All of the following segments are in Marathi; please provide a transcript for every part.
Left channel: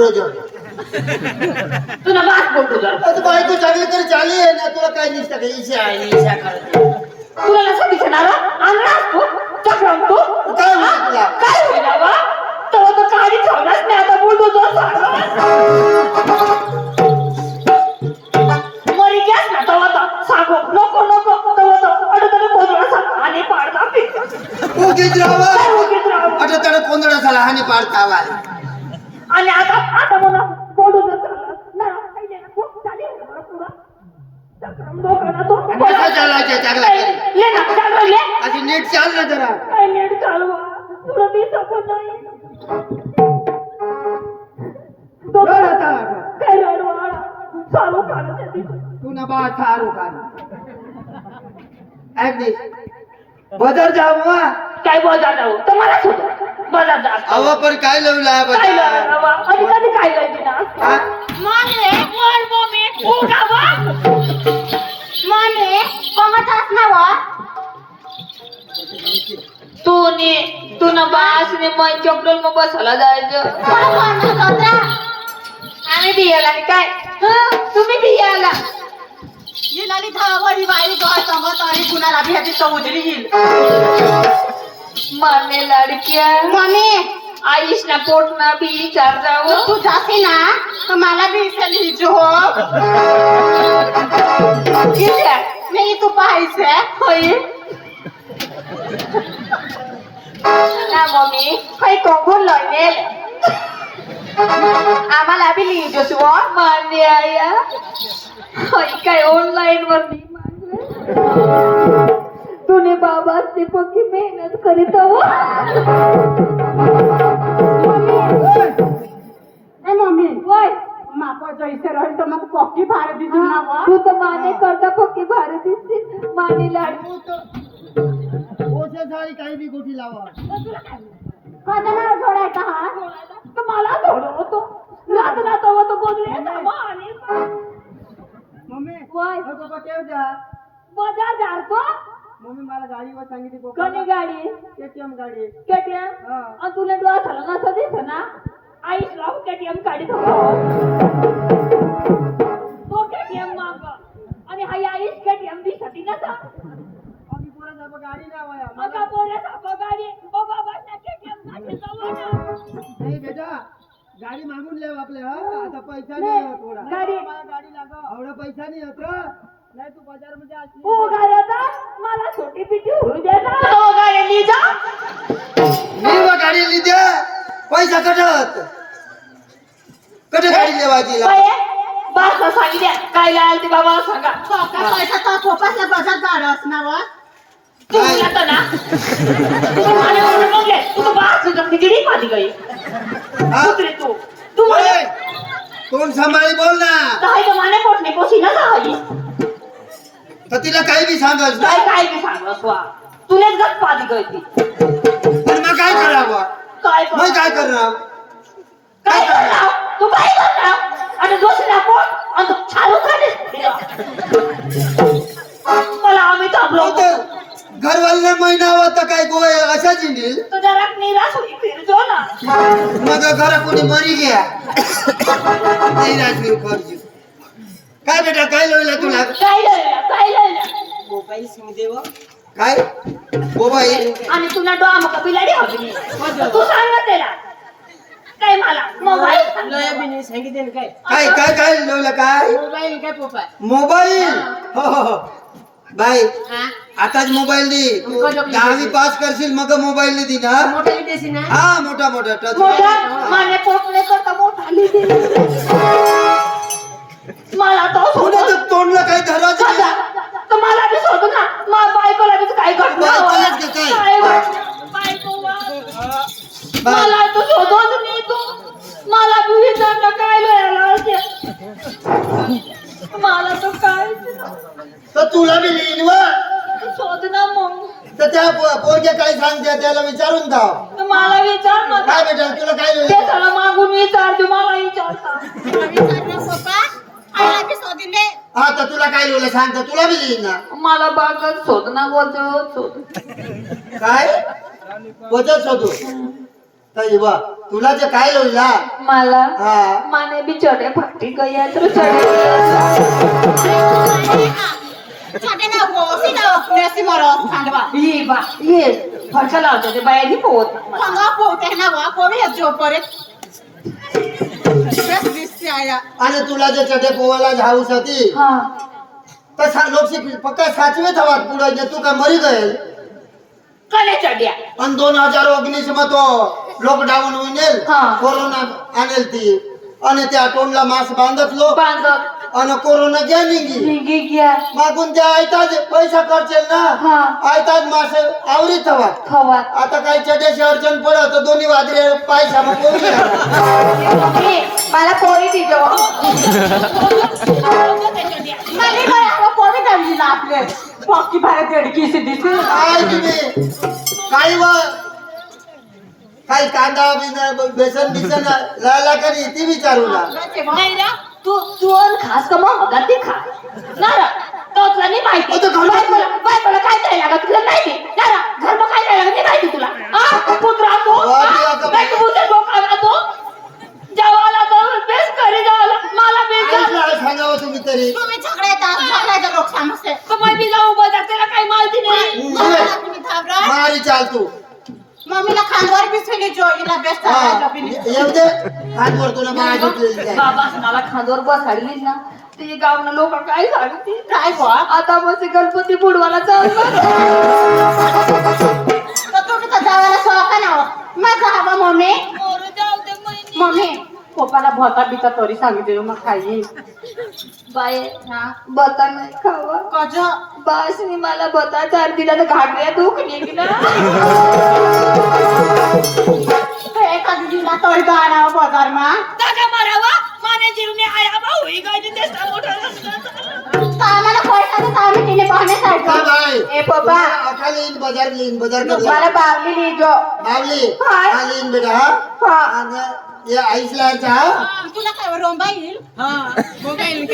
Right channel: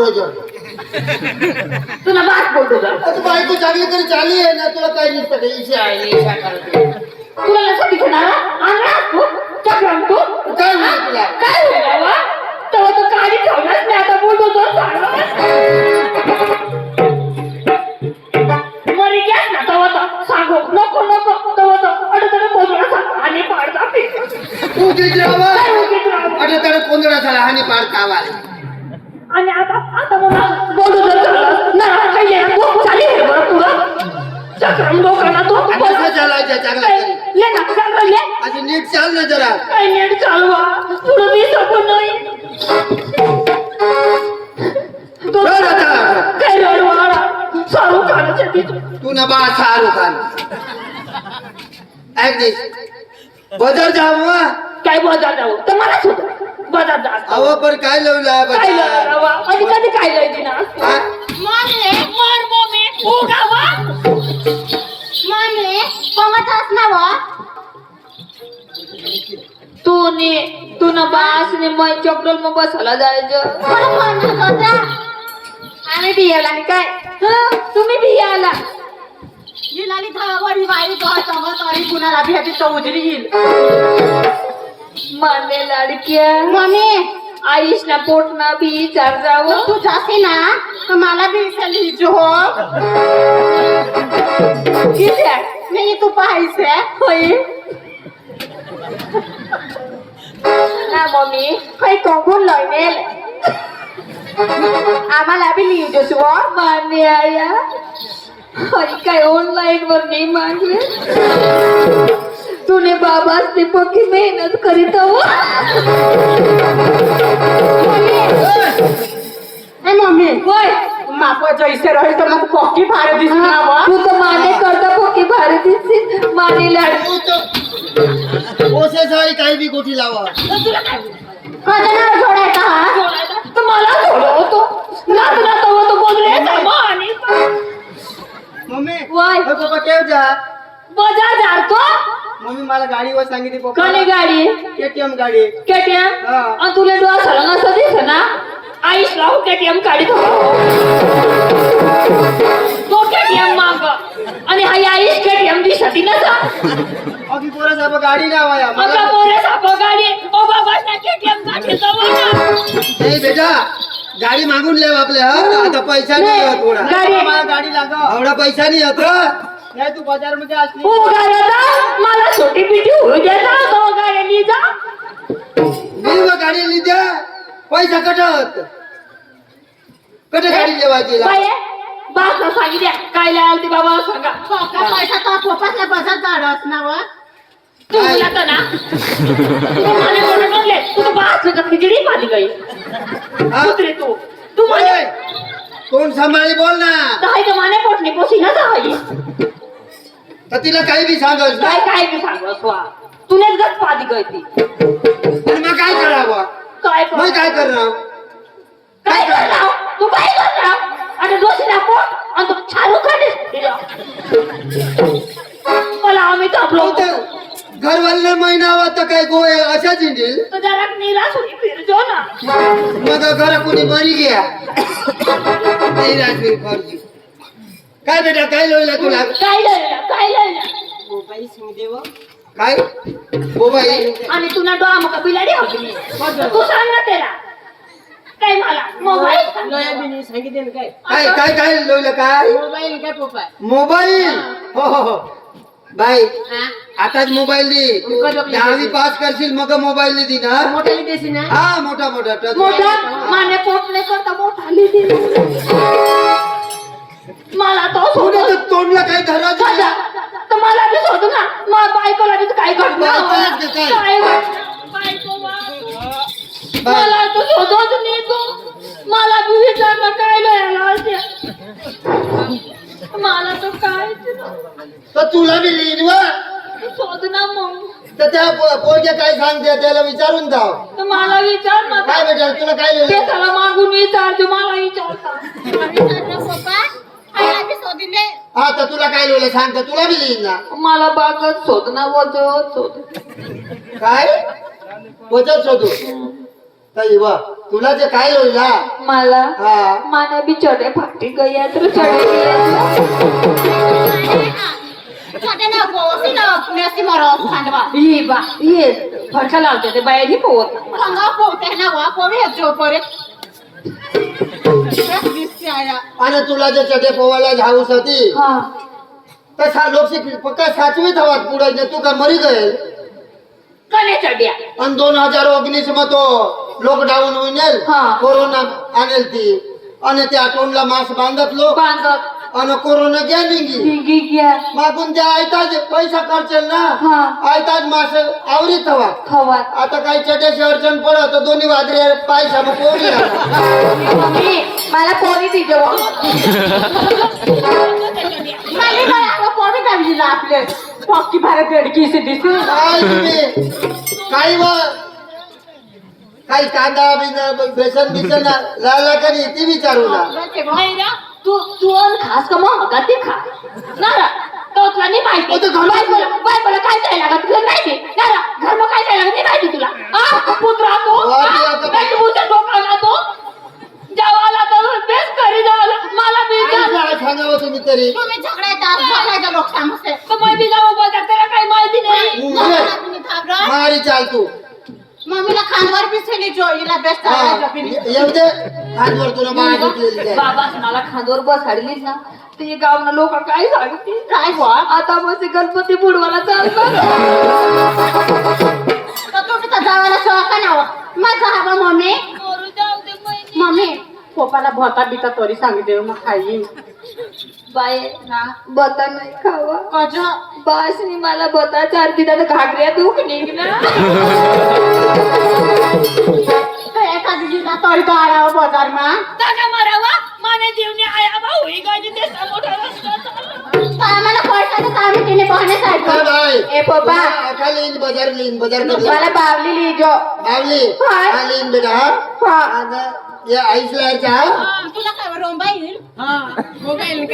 बुलडोजर तुला बास बोलतो जरा. आता बायको चांगली तरी चालली आहे ना तुला काही नुसतं काही इशा आहे इशा करते तुला लक्षात दिसणार अंगणात तू चक्रम तू? काय होईल तुला? काय होईल बाबा? तेव्हा तो गाडी ठेवलाच नाही आता बोलतो मरी गॅस ना तेव्हा तर सांगू नको नको तेव्हा तर अडकड कोजळ सांग आणि पाडता झाला आणि आता आता मला बोलू जर झालं ना काही आहे बरं तुला चक्रम लोकांना तू आणि कसं चालायचं चांगला ये ना चालू ये अशी नीट चाल ना जरा. काय नीट चालवा पुढं मी पण नाही. तो आता. काय रडवाडा शाहरुख खानाच्या तिथं तू ना बा शाहरुख खान ऐक बाजार जावा काय बाजार जाऊ? तर मला सुद्धा. अव पर काय लावला काय लावा कधी काय मम्मी उगावा तू ने तू ना बास ने मग चपडोल मग बसायला जायचं. आम्ही बियाला आणि काय? हं, तुम्ही बियाला जिलाली धावडी बाई तो संग तरी कुणाला भेटी तो उजरी येईल. माने लाडक्या. मम्मी आईश ना पोट ना बी चार जावं. तू जाते ना तर मला बी इचली जो किती आहे? मी तू पाहायचे होय. ना मम्मी. काही कंकून लयनेल आम्हाला बी लिहिजो सुवा मान्य आया. होय काय ऑनलाईन वर नाही मागे. तूने बाबा से पक्की मेहनत करीत ए मम्मी. होय. माप जैसे रही तो मग पक्की फार दिसना व. तू तर माने करता पक्की भारी दिसते. माने लाड. ओसे सारी काही बी गोठी लावा. कधीणार जोडायचा हा? तर मला थोडं होतो नाच नाच होतो बोलले आणि? मम्मी वाय. ओय पप्पा केव जा. बजा जातो मम्मी मला गाडीवर सांगितली पप्पा. कली गाडी? केटीएम गाडी. केटीएम हा. आणि तुला डोळा सळंग असं दिस ना? आईस लाव केटीएम काढी तो. केटीएम माग. आणि हाय आईस केटीएम दिसती ना सा अगी पोरा साहेब गाडी लावा आता मला पोरे साप गाडी. ओ बाबा ना केटीएम गाडी जवळ नाही बेटा गाडी मागून लेव आपल्या हा? आता पैसा नाही होत थोडा. गाडी- मला गाडी लागा. एवढा पैसा नाही होत? नाही तू बाजारमध्ये असली गाड्याला मला छोटी पिटी होऊ द्या ना तो गाड्यानी जा. मी गाडी लिहिते पैसा कटत. कट गाडी लेवायची बाय बास सांगितल्या काय लागेल ते बाबा सांगा. पक्का पैसा तो जाडस ना व. तू आता ना? तू मला म्हणून म्हणले तू तर बास खिचडी पाली गई. हा? तू. तू म्हणे ओय, कोण सांभाळी बोल ना. काय तर माने पोटने पोसी ना तर तिला काही बी सांगस ना काय काय बी सांग स्वा तुने गत पाली गई ती आणि मग काय करावं? काय कर मग काय करणार? काय करणार? तू काय करणार? आणि दोषी पोट आणि तू छालू काढे मला आम्ही तर तर घरवाले महिना तर काय गोय अशाच इंडील तो जरा निराश होई फिरजो ना. मग घरा कोणी मरी गया नाही राजवीर फर्जी काय बेटा काय लोयला तुला? काय मोबाईल आणि तुला डोळा मग बिलाडी होती तू सांग ना त्याला. काय मला? मोबाईल? काय? काय काय लोयला काय? मोबाईल काय पोपाय मोबाईल? हो हो हो. बाई हा? आताच मोबाईल दे. दहावी पास करशील मग मोबाईल दे ना मोठ्याली देशी ना? हा मोठा मोठा. टच मोठा? माने पोटने करता मोठा लिहिली मला तो सोडून तोंडला काही धरायचं नाही. तर मला बी सोडू ना मला बायकोला बी काय घडलं बायकोलाच का काय? काय घडलं? बायको वा. बाय. मला तर शोधत नाही तू मला विचारलं काय मिळालं असे मला तर काय तर तुला बी लिहिन वा शोध ना मग तर त्या पो- पोरगे काय सांगते त्याला विचारून धाव तर मला विचार ना काय बेटा तुला काय ते लिहिलं त्याला मागून विचार तू मला विचारता पोपा आया बी हा तर तुला काय लिहिलं सांग तर. तुला बी लिहिन ना. मला बागत शोध ना वजत शोध. काय? वचत शोधू. बा तुला जे काय होईला मला हा. माने भी चढ़े फाटी तो चढ़े छोटे नको सिना नसी मरो खांडवा ये बा ये. फडका लावते ते बाहेर पोहत. पंगा पोते ना वा कोवे जो परत आणि तुला जे चढे पोवायला झाऊ साठी तू काय मरी गे आणि दोन हजार ओगणीस मग तो लॉकडाऊन होईल कोरोना आणल ती. आणि त्या तोंडला मास्क बांधत. लोक आणि कोरोना गेली भिगी गया मागून त्या आयताच पैसा खर्चेल ना? हा. आयताच मास हवा खवात आता काही चट्याची अडचण पडत तर दोन्ही पोरली मम्मी मला पोरी ना आपले. पक्की भारत काय तुम्ही? काही व काही कांदा बिना बेसन बिसन लाला का नाही? ती विचारू ना. तू खास का मग? अगं ते खा. नारा तुला नाही माहिती आता घरी- बायकोला बायकोला काय करायला लागत तुला माहिती? नारा घर काय करायला लागत नाही माहिती तुला? आ पुत्रा तो वा, ते आता- बायको पुत्र लोकांना तो जेवायला तर बेस करी जायला मला आईला सांगावं तुम्ही तरी? तुम्ही झगडा येतात झगडायचे लोक समजते मग मी जाऊ बघा त्याला काही माहिती नाही. मारी चाल तू. मम्मीला खांद्यावर बिसविले जो हिला बेस्ट हा. येऊ दे. हातवर तुला झोपलेली जाईल. बाबा मला खांदोर बसाडली ना ते गावना लोक काय सांगतील? काय बुवा? आता मग ते गणपती बुडवायला चालतात तर तुम्ही तर जावायला शौका ना हो. माझा हवा मम्मी. मम्मी पप्पाला भरता बिता तरी सांगितले मग खाईन. बाय बता नाही खावा. कज? बासनी मला बता चार दिला तर घागऱ्या दुख निघला. एका दिदीला तरी तो मला पैसा तर आम्ही तिने पाहणे काय जायचं बाई? ए पप्पा. अख्खा लेईन बाजार बाजार करला मला बावली लिहिजो. बावली. हा. बेटा हा. हा आणि हे आईस लायचा हा तुला काय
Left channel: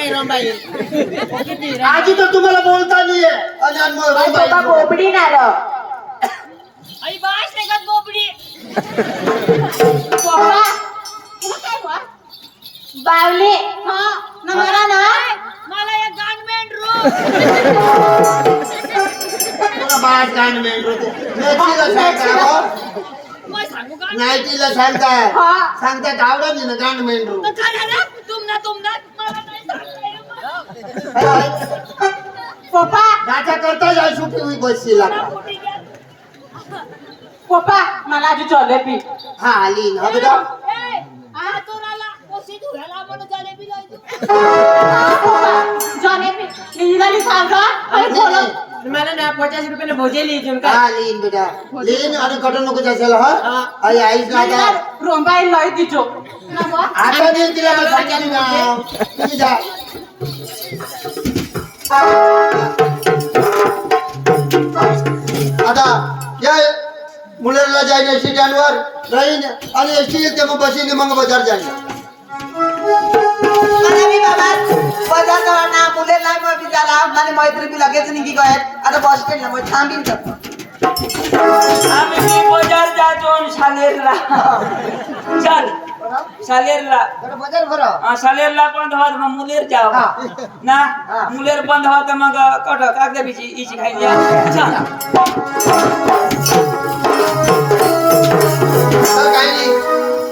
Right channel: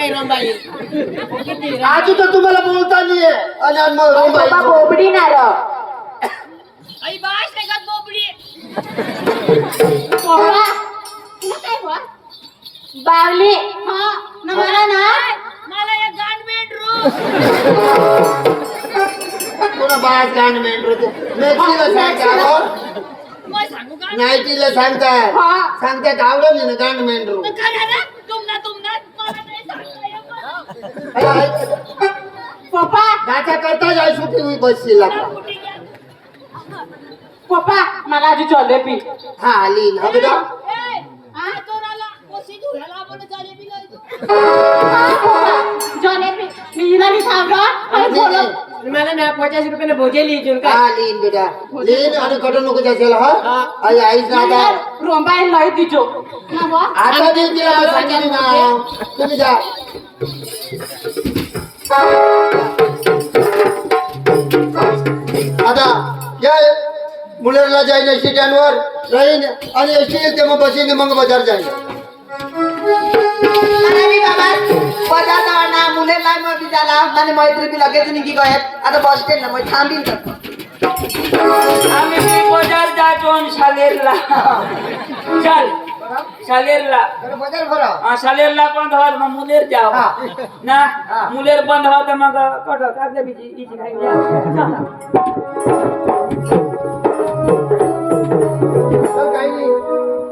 रोंबा येईल आजी तर तुम्हाला बोलता नाहीये. आणि मग पप्पा रोबाई बोबडी ना र. पप्पा तुला काय बुवा बावली. हा ना मला ना. तुला बास गाणं मेंढरू. तू मेथीला सांगता हो. नाईटीला सांगताय. हा. सांगताय आवडत नाही ना गाणं मेंढरू. पप्पा. नाचा करता जाय सुटी हुई बसशील. पप्पा मला आजी जलेबी हा आली ना. जलेबी नीला भी सांगा पचास रुपयाने भोजे लिहिजून का हा लीन बेटा लीन आणि कटो नको जायचं हा आई आईच ना आता रोंबा येईल लय दिजो ना बुवा आता दे तिला मग सांगितली ना तुम्ही जा आता या मुलाला जाईन एस स्टँडवर राहीन आणि एस टी येईल ते मग बसीने मग बाजार जाईन अरे बाबा बजार जवळ मुले नाही मग बिचारा माझे मैत्री बी लगेच निघी गए आता बस स्टँडला मग थांबीन तर आम्ही बाजार जातो शालेरला चल शालेरला बाजार भरा हा, शालेरला बंद हवा तर मग मुलेर जाव ना मुलेर बंद हवा तर मग कट कागद बिची इची खाई जा चल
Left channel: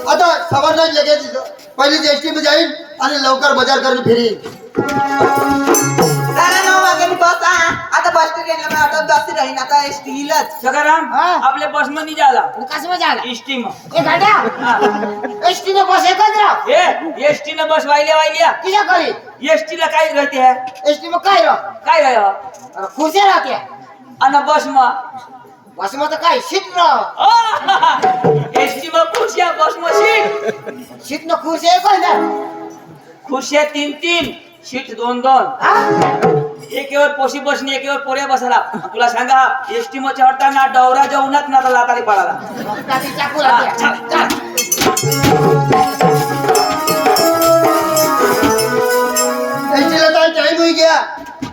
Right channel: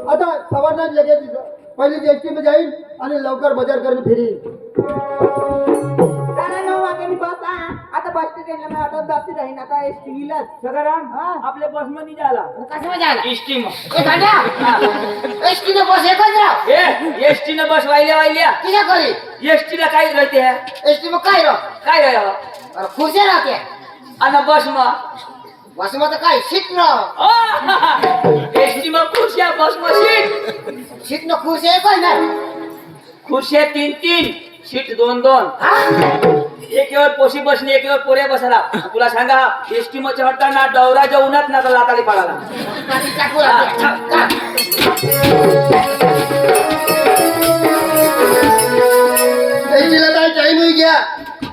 तर काही नाही आता सवारला लगेच पहिली एस टी मध्ये जाईन आणि लवकर बाजार करून फिरीन साडे नऊ वागे बस हा आता बस स्टँडला मग आता बस राहीन आता एस टी येईलच सकाराम आपल्या बसमध्ये झाला कसं मजा इष्टीम ए गाड्या एसटी ने बस एकच राव ए एसटी न बस वाहिल्या वाहिल्या किशा करी एसटी ला काय राहते है एसटी में काय राव काय राह अरे खुर्च्या राहते आणि बस मग बसमध्ये काय सीट राव एसटी मग खुर्च्या बस सीट सीट न खुर्च्या एकच नाही खुर्च्या तीन तीन सीट दोन दोन. एकेवर पोशी बसणे एकेवर पोरे बसला तुला सांगा एसटी मध्ये चढताना डवराच्या उन्हात ना लाताली पडाला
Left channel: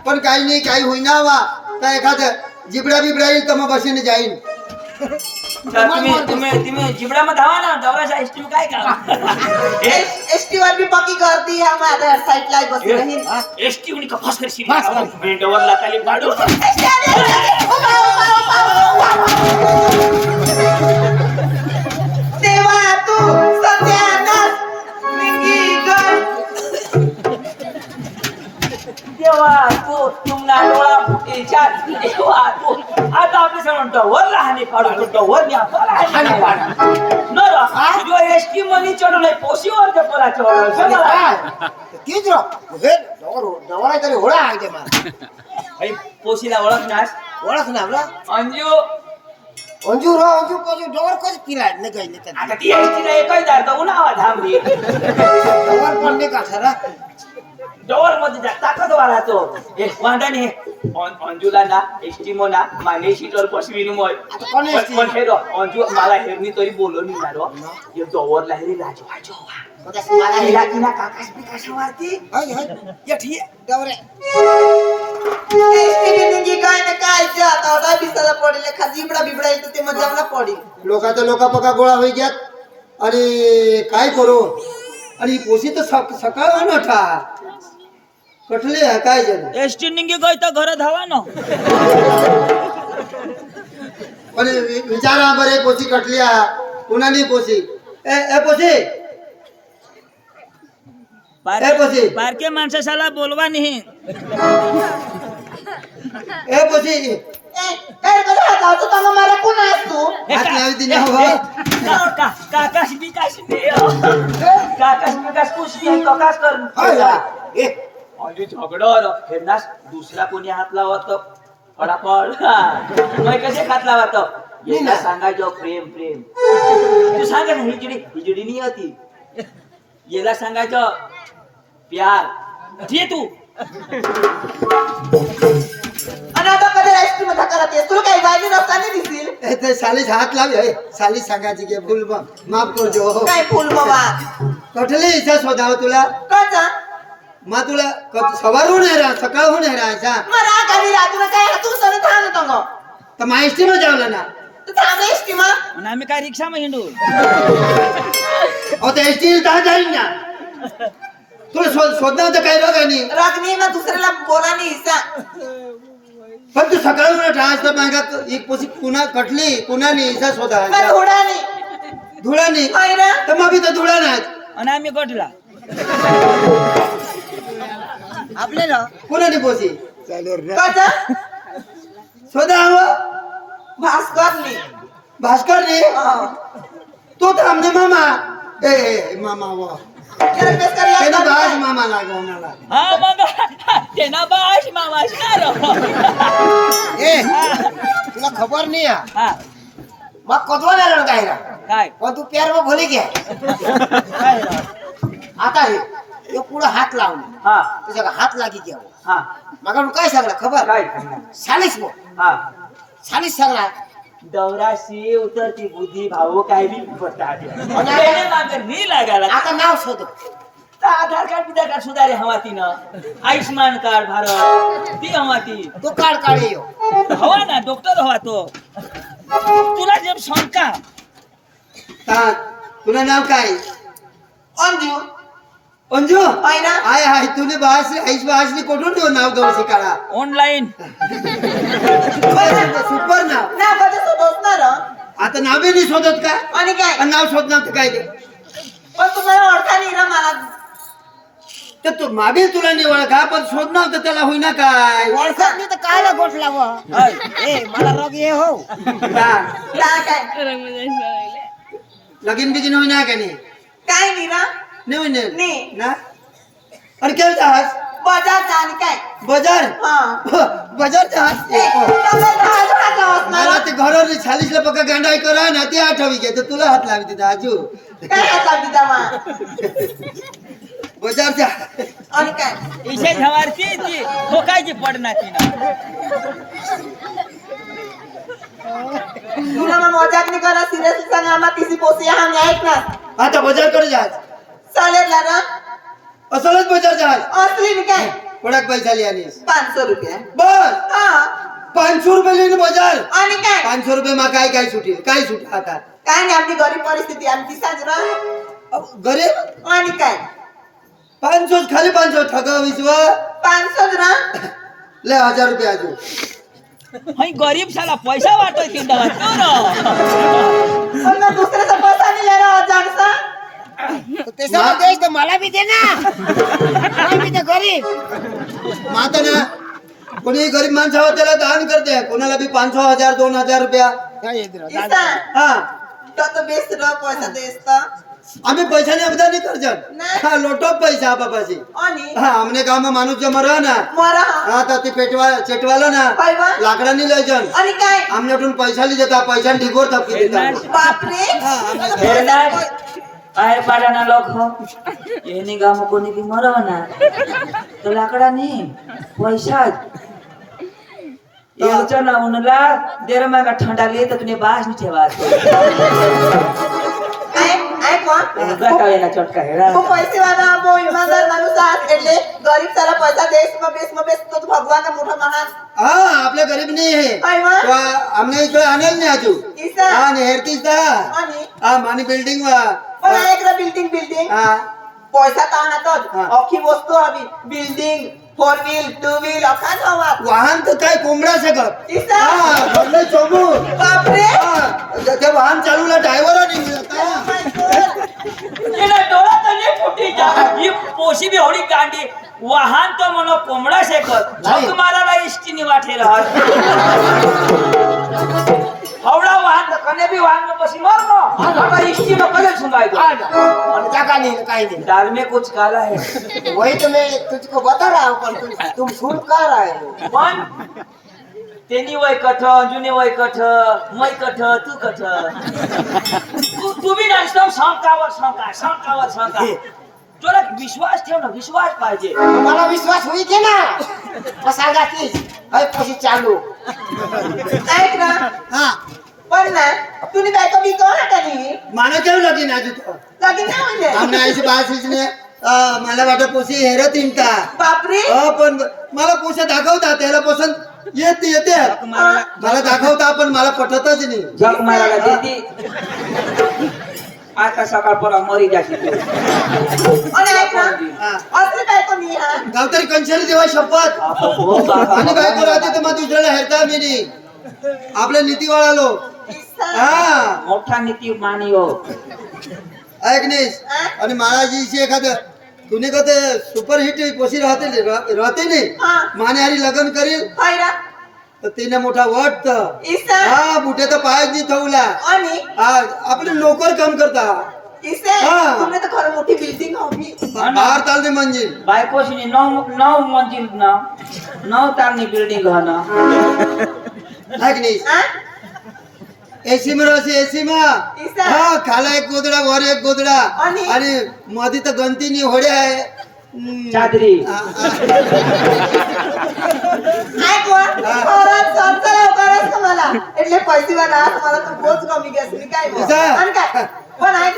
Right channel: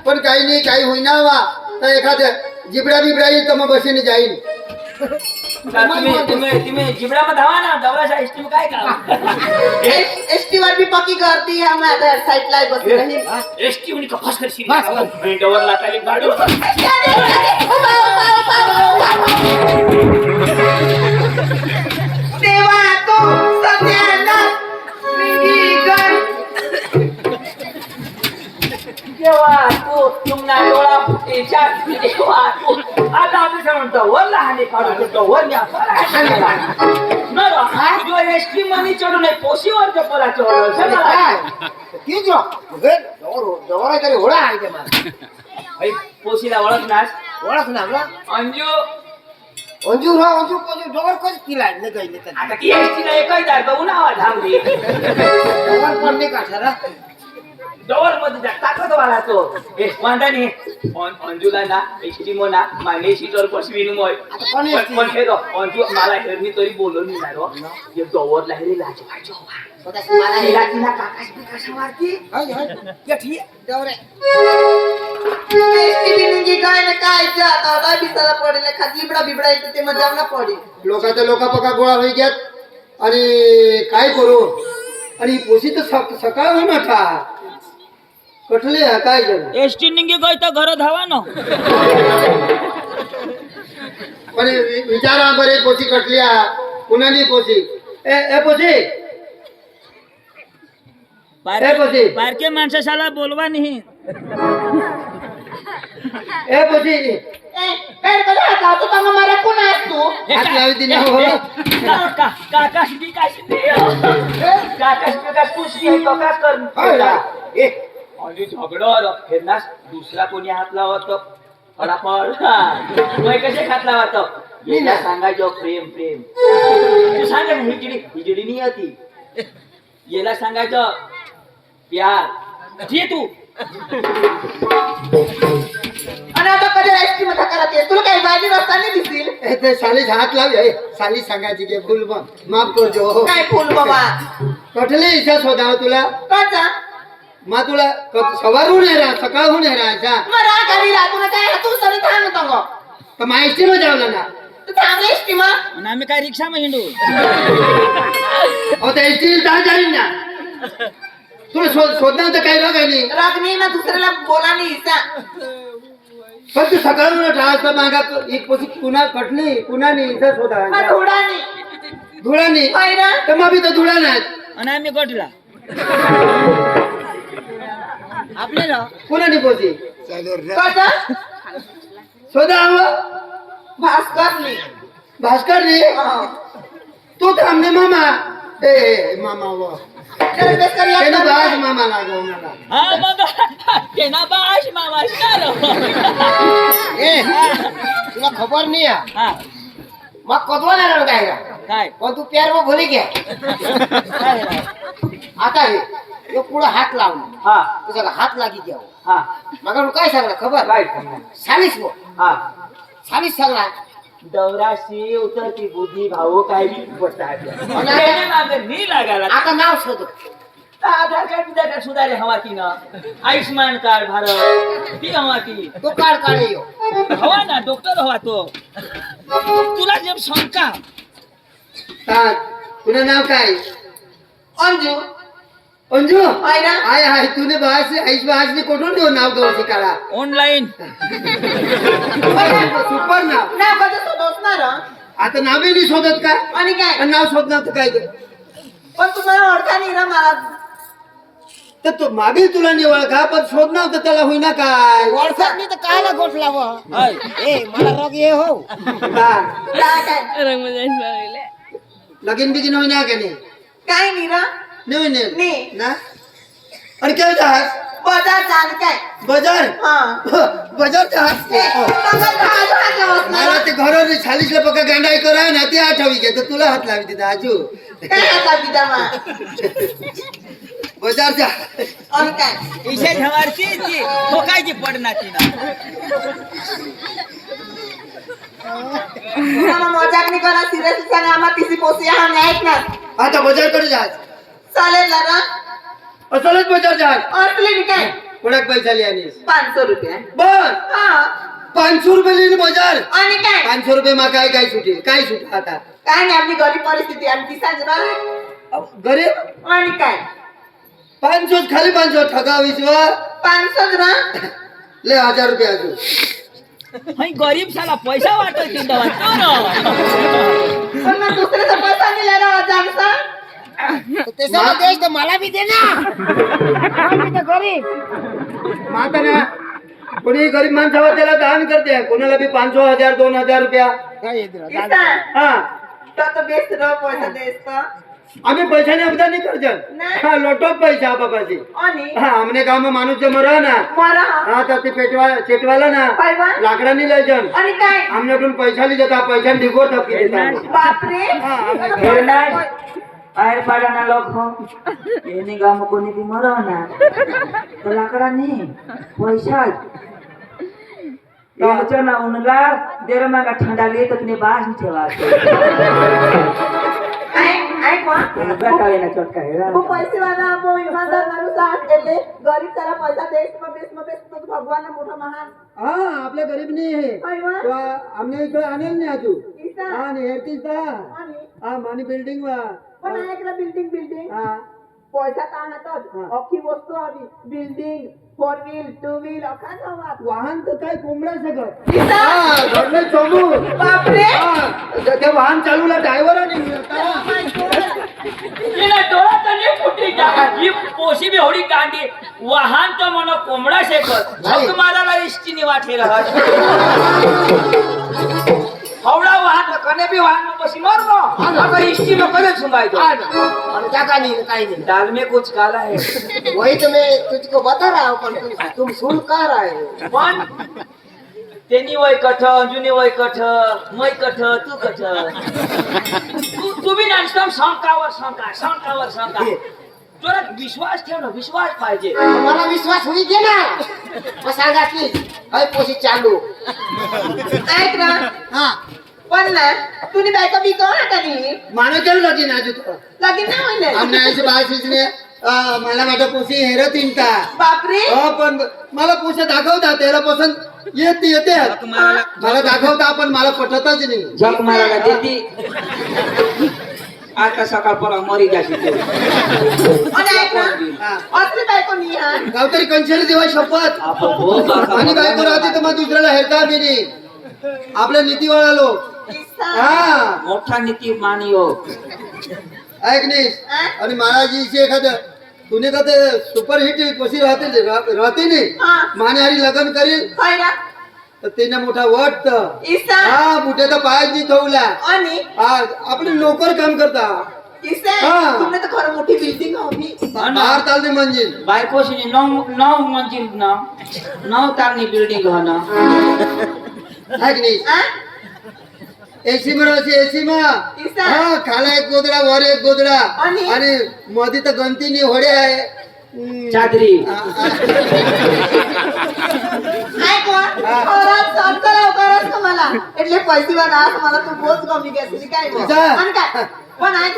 पण काही नाही काही होईना वा. तर एखादं जिबडा बिबडा येईल तर मग बसीने जाईन तर तुम्ही तुम्ही तुम्ही जिबडामध्ये धावा ना दौराच्या एसटी काय का एसटी वर बी पक्की गर्दी आहे माझ्या साईडला बसली राहील. एसटी म्हणे का फास करशील डवर लाताली गाडो तेव्हा तू सत्यानाश निघी गं. देवा तो तुमना डोळा फुटेच्या देवा तो आता आपले सण म्हणतो वर लहाने काढू तो वर न्या हानी काढू न रा जो एसटी मनी चढू नाही पोशीवर ते पराच्या वर तीच रो हे डवर डवर तरी होळा आहे ते मला. पोशीला ओळखनास ओळख ना? आपला अंजू. अंजू रो अंजू कसं डवर कसं तिला नाही काही नाही आता ती एसटीला एकच जायचं उन्हावा थांबली डवर पण नाही का सर डोरमध्ये जा ताकद वाला तो हे वांदा नाही अं- अंजूला ना एसटी मना माने सीटवर बसवीन मग आता कोण पण हे रो अंजू मला हेरनी तरी बोलून नाही रो. ये डोवर लाहेरी लाज पाहिजे मला हे तिला काकाश बिकाश ये ठीक बी निघी काय ना काय जे आता ओरडा बिसाला पडेल? एखाद जिबडा बिबडा येते ते जेवणा पडेल. लोक तर लोक पका गोळा होई गेत. आणि काय करू? आणि पोशी तर सक- सकाळ होऊन ठा कठले आहे, काय जण एसटी निघी गई तर घर धावा ना पण वि- विचारा बरे पोशी कटली हा कुणानी पोशी ए ए पोशी ए पोशी बारके माणसाला बोलवा नाही ए पोशी दुसरा कोणी हात लावत? मग कसे हात लावत? येला सांगायचो प्रेम प्रेम. तू सांग ना हिजडी हिजडी नाही होती. येला सांगायचं प्यार. ये तू. करत तुला काही रस्त्याने ए, ते सालीस हात लावी ए, सालीस सांगायची की फुल मा- माफ करजो काय फुल बाबा कठले इच्छा शोधाव तुला? कसा मा तुला क- सवारहून आहे रा सकाळहून आहे राहायचा. मला घरी राहतो काय तू. सरी थांबतो मग तर न. जावला थांब मग. आणि आम्ही काय रिक्षा मग हिंडू? अहो त्या एसटी दहा जाईल ना. तुला शोध शोधणार तर काही रोग आहे नाही. राग नाही ना दुसऱ्याला बोला नाही पण तू सकाळहून राहत मागा एक पोसी कुणा कटली कुणा नाही इच्छा मला शोधा होडा नाही धुळा नाही होय ना? तर मग बी तर धुळा नाही आणि आम्ही गोठला आपल्याला कुणा नाही पोसी? कसा शोधा हवं भास्कर नाही भास्कर रे हा. तो थांबले मामा. ए, ए मामा व. जरा बेस कर त्यानं यात बाज काय? मामा लागो मला हा मग तेना बाश मामाश ए तुला खबर नाही आहे हा मग कधवा नाही काय रा काय पण तू प्यार मग भले घ्या काय रा? आता हे यो पुढे हात लावला हा तुझा हात लागी घ्यावं हा मग तू काय सांगला खबर काय सालीस मग हा सालीस सांगला दौराशी उतरती बुद्धी भाऊ काय बी पडतात मी लागायला आता नाव शोध. आधार कार्ड बिधार कार्ड सुधारे हवा तिनं आयुष्मान कार्ड भारत. ती हवा ती तो काढ काढ यो हवा ना डॉक्टर हवा तो. तुला जब शंका. ता- तुला नाव काय? अंजू. अंजू होय ना. आय हाय तुने बास आईस बासनी कुठून देऊ नाव गाव शिकाळा ऑनलाईन सुपर नाव. ना बघत होतोस ना र आता नावे नाही शोधत का? आणि काय? आणि नाव शोधणार तर काय ते? पण तुम्हाला ओळखा नाही ना मला. तर तो मागे तुला नाही ओळखा पण शोधणार तर त्याला होईना काय? वळखत नाही तर कायला गोठ लाव? ए मला रोग ये हो. हा. काय? काय लगीन बिगीन होईना का नाही? काय नाही ना. नाही होईना? नाही. ना आणि काय जाहाज बाजार जाण काय बाजार हा बाजार जहाज ए, बाजार माझ्या हात लावत ना मला ते घराने छालीसला पक्का गांडाय करा ना ते आठवी घे तर तुला हात लावी तिथं आजू काय हात बिदा मा बाजारच्या आणि काय विशेष हवारची ती ठोकायची पडणार तिनं तुम्हाला मजाक नाही करा सिरियसली सांगा आम्हाला तिची पोसी हा नाही चालेल ना ना असलच बचार जाल असली नी काय? कोणाक पैसा लिया नीस पाचशे रुपया. बस. हा. पाचशे रुपये लिहिले बजार. आणि काय? पाचशे रुपये मा काय काय सुटेल? काय सुट आता? काय नाही आपली गरीब परिस्थिती आणखी साजरा अहो, गरीब? आणि काय? पाचशे खाली पाचशे ठगा विश्वा पाचशे ना. ले हजार रुपये अजून. गरीब साला पैसा वाटत किंदा वाटतो ना दुसऱ्याचा पैसा नेला ना जागचा देश तर मला बी दे ना. दे गरीब. माता ना कोणी गरीब माणसावर त्याला दान करते. कोणाला बी पाचशो हजार दोन हजार रुपया. काय येते राव, किसा दादा. हा. तो तो बेस रो पैसा देस तो आम्ही पैशाने अबदा नहीं कर नाही. हा लोटो पैसा बापाशी आणि? हा गाव माणूस जमा रहा ना. मरा. हा तर ते पेटवा चेटवाला ना. बा? लाकडानी लय जण. आणि काय? आमने पैसा ली देता पैसा ढिगोर थपकी देता बापरे. બાર પાડાના લોકો એની ગામો કોની મરવાના તો લાકડા ની પૈસા જ ચણા ઉનલા દેરમાં કા ઠંડા લે તો તને બાસ ની ઠેવા આપડે ગરીબ ની અમને આનેલ ને હજુ આ નેહરતી આ માની બિલ્ડિંગ માં একদম বিল্ডিং বিল্ডিং পয়সা তা না তো অখি বস্তু হবি building four wheel two wheel अखाच हवा. वाहन तर काय कोंबडा सगळं. घडलं चोबू बापरे. ते वाहन चालवलं ड्रायव्हर पोशी भी होडी कांडी वाहन तो म्हणून कोंबडा शेकत तुम्हाला एसटी निवाठे राहत હોડી કાંડી વાહન તો મનો કોમડા છે કર નહીં. જોક મારા ઇષ્ટી ની વાઠે રહે હવડા વાહન તો કને બી વાહન માં પછી મરનો તો ઇષ્ટી નો કને છુંગાઈ દો और क्या का नहीं काय नहीं दाल में कुछ काला है वही तो मैं तुझको बता रहा हूँ पर तुम तुम सुन कह रहे हो पण तेनी वय कठ अंजुनी वय कठ मै कठ तू कठ तू तू बी नाचतो शंकावर शंका शंकावर शंका तुला विश्वास ठेव ना विश्वास पाहिजे मला विश्वास होई के ना मग सांगा की अय पैसे चालू ऐक ना हा पण ना तुम्ही बायका बी कळा का नाही? माने केलं लागेल आज तो. लगीन नाही म्हणजे आमने ऐसे बाहेर शिजणे मला वाटत पोसी हेर तिंटा बापरे. हो पण मला पोसा दाखवता त्याला पसंत येत येते. मला दाखवता पण मला पटतच नाही. जग मारायला देती. आता सकाळ परा मरी जाशी तू. आणि ऐक ना. असली बायको मी गावतरी कंशेली देवा शपथ. हो आणि बायको राहते तर मग दुसऱ्याला हेरता मी नाही. आपल्या नीती वळालो किस्सा. हा. मोठा नीती मानियो. ऐक नाही आणि महाराज जी एखादं तुने का ते सुपरहिट पोसी राहते राहते नाही हा. माने हरी लग्न करील? होय ना. तर तिने मोठा वट किस्सा. हा बुटे तर पायात नाही ठेवला. आणि हा आपले नोकर काम करता. हा. तुमने तर खरं मोठी बिल्डिंग हवी बाहेर चालते म्हणजे बायकोशी नऊ नऊ मंजिल ना. नऊ तारनी बिल्डिंग ना. ऐक नाही हा? एसी मध्ये अशी एसी मा किस्सा. हा खाला एक गोदडा वर एक गोदडा आणि? आणि मध्ये तर गंतीनी होड्या आहे हम्म. चादरी आ- आ- ऐक कोण मला सांगतो लवकरच का मला એટલે पैसे वाला मला तू बोच कमी घेतली काय गं? किस्सा. आणि काय पण ऐक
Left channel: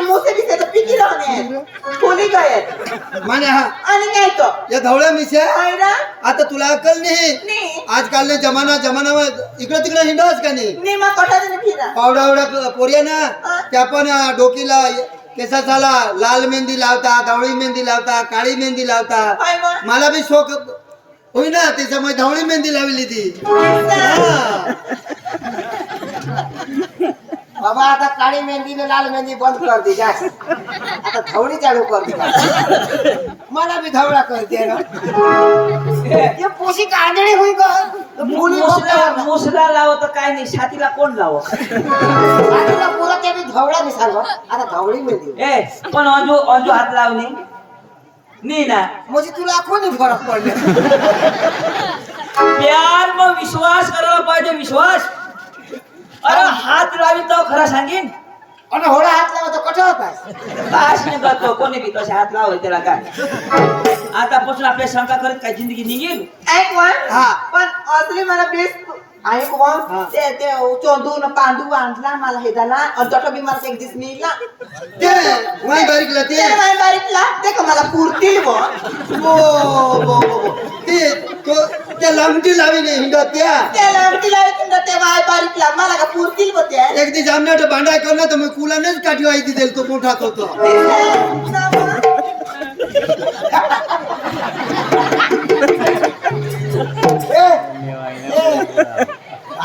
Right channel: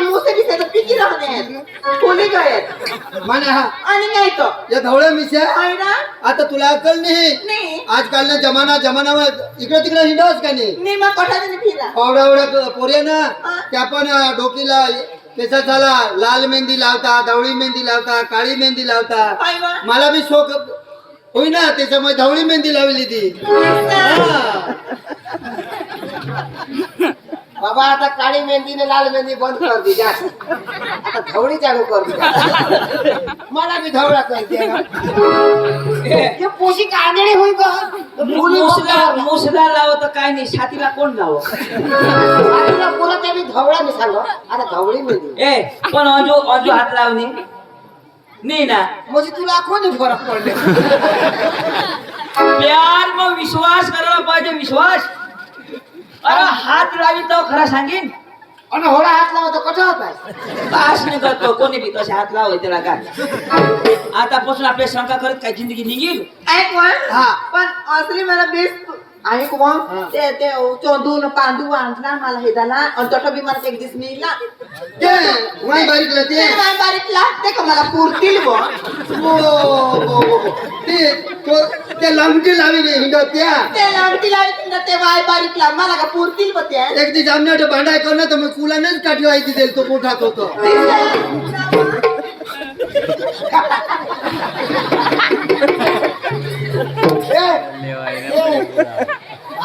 मुसे पिकी राहणे गयत माने हा. आणि काय तो? या धवळ्या मिश्या. होय ना? आता तुला अक्कल नाही. नाही. आजकाल ना जमाना जमाना इकडे तिकडे हिंडस का नाही? निमा कोठाने फिरा. पावड्या एवढ्या पोरी ना? हा. त्या पण अं, डोकीला केसाला लाल मेहंदी लावता धवळी मेहंदी लावता काळी मेहंदी लावता. होय मला बी शोक होई ना त्याच्यामुळे धवळी मेहंदी लावली ती. हा. बाबा आता काळी मेहंदी ने लाल मेहंदी बंद कर दी जा आता धवळी चालू कर दी जा. मला भी धवळा कर दे ना ये पोशी कांदडी होई का मुली मुसला मुसला लाव तर काय नाही छातीला कोण लाव पुरा त्या बी धवळा मी सांग आता धवळी मेहंदी ए पण अंजू अंजू हात लावणे नाही ना म्हणजे तुला कोणी फरक पडले प्यार मग विश्वास करायला पाहिजे विश्वास अरे हात लावी तर खरा सांगेन. आणि होळा हात लावा तर कठोर पाहिजे? काश नाही करतो कोणी बी तसे हात लाव त्याला काय? आतापासून आपल्या शंका करत काय जिंदगी निघेल? ऐक वा हा. पण असली मला बेस आणि कोण? ते ते चोंदून पांडू आणला मला हे झाला. आणि तोटा बी मला एक दिस मिळला ते वाई बारीकला ते. ते माय बारीकला. ते का मला पुरतील बो. ओ, बो, बो, बो. ते तो ते लंगटी लावीने हिंडत त्या. ते लागती लावतील ना ते माय बारीकला. मला का पुरतील बो त्या एक दिवस आमने भांडाय करणार तर मग कुलानेच काठी व्हायची देईल तो मोठात होतो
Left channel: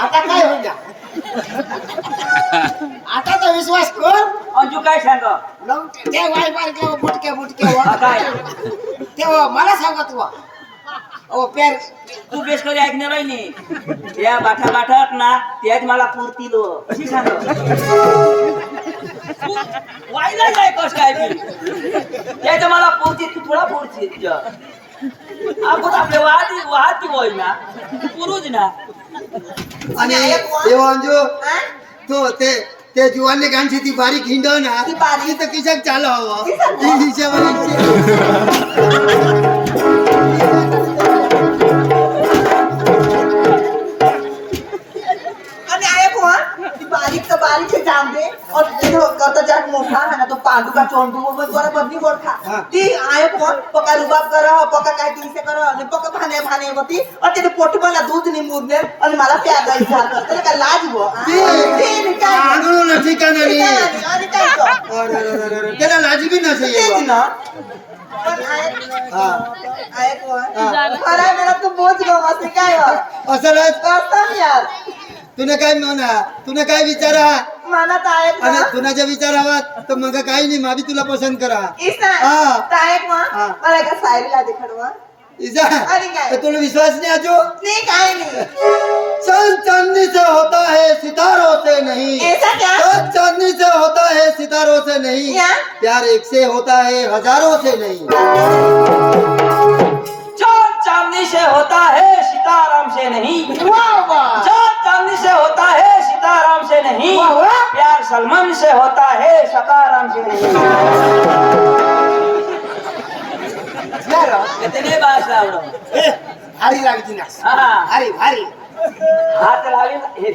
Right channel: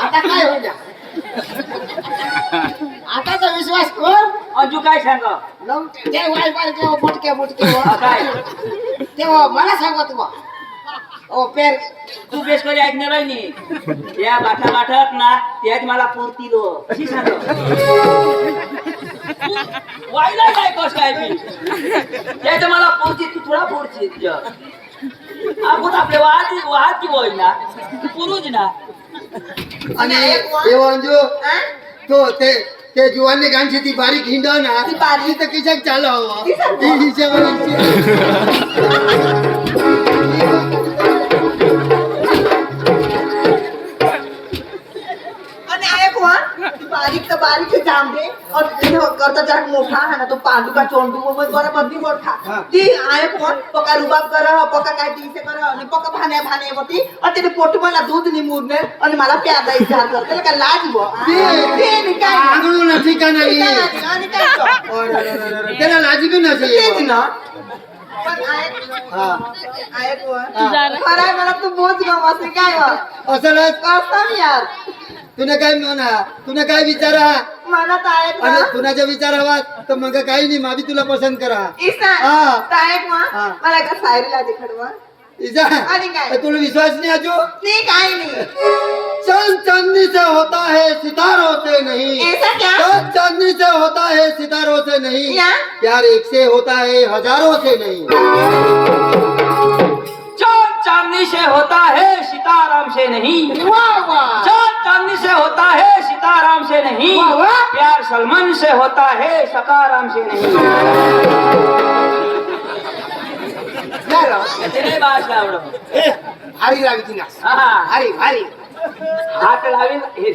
आता काय होईल आताचा विश्वास कर. अंजू काय सांग? ते वाय केव्हा बुटके बुटके वा. काय? तेव्हा मला सांगत वा ओ पेर. तू बेस कधी ऐकणार आहे नी? या बाठा बाठात ना त्याच मला पुरतील. कशी सांग. नाही कस काय ते? त्याच मला पुरतील तू तुला पुरतील आपण आपले वाहत वाहत की होई ना तू पुरूच ना आणि ते अंजू तो ते ते जुवानने गांची ती बारीक हिंडव ना ती बारीक. ती तर किशात चालू आंबे और करता जाक मोठा है ना तो पागू का चोंडू वो मैं ती आए फोन पका रुबाब कर पका काय ती से भाने भाने होती और तेरे पोटी वाला दूध नी मुर और मारा प्यार दा का। लाज ती काय तुने काय विचारा? मनात आहे आणि ना तुनाच्या विचार हवा तर मग काही नाही मावी तुला पसंत करा. हा. वा हा. मला एका सायरीला देखडवा इजा आणि काय? तर तुला विश्वास नहीं है जो नाही काय नाही. चांद चांदनी से होता है सितारों से नहीं ऐसा क्या? चांद चांदनी से होता है सितारों से नहीं. क्या? प्यार एक से होता है हजारों से नहीं. चांद चांदनी से होता है सिताराम से नहीं. चांद चांदनी से होता है से नहीं। प्यार सलमान से होता है सताराम से नहीं। लागती ना हा। हात लावी हे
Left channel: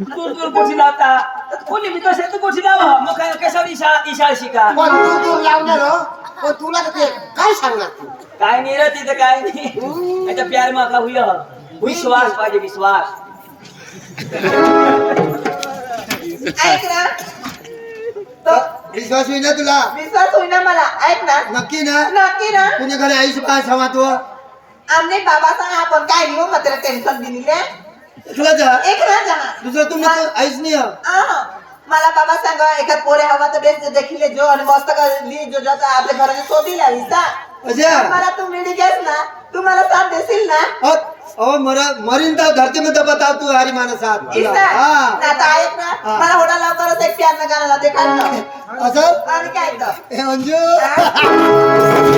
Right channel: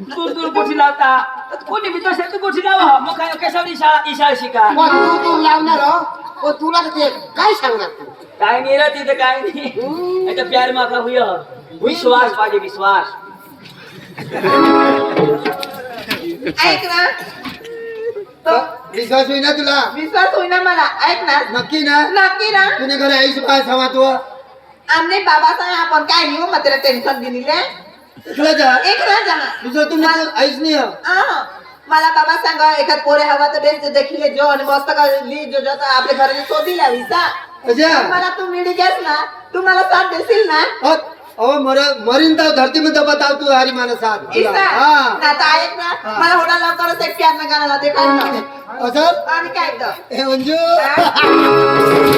दूर दूर कोठी लावता तर कोणी बी तसे तू कोठी लावा मग काय इशाळा इशाळा शिका। पण तू तू लावणार हो? तुला ते काय सांगणार तू? काय नाही रे तिथं काय नाही। आता प्यार माका हुय विश्वास पाहिजे विश्वास। ऐक ना तर विश्वास होईना तुला? विश्वास होईना मला. ऐक ना नक्की ना? नक्की ना. तुने घरी आईश बाय समा तो? आमने बाबा सांग आपण काय नाही हो मग त्याला टेन्शन दिले तुला जा. एक ना जा. दुसरं तुला आईश नाही. हं. आ, मला बाबा सांगा एखाद पोरे हवा तर बेस देखील जो आणि मस्त का ली जो जो आपल्या घराने शोधी लावी सा मला तू मिळी गॅस ना. तू मला साथ देशील ना? और मर मरीन तर धरती में बताव तू हरी माना साथ तुला. इसा हा. ना तर ऐक ना. मला होडा लवकरच एक प्यार ना गाणं ते काय असं? आणि काय अंजू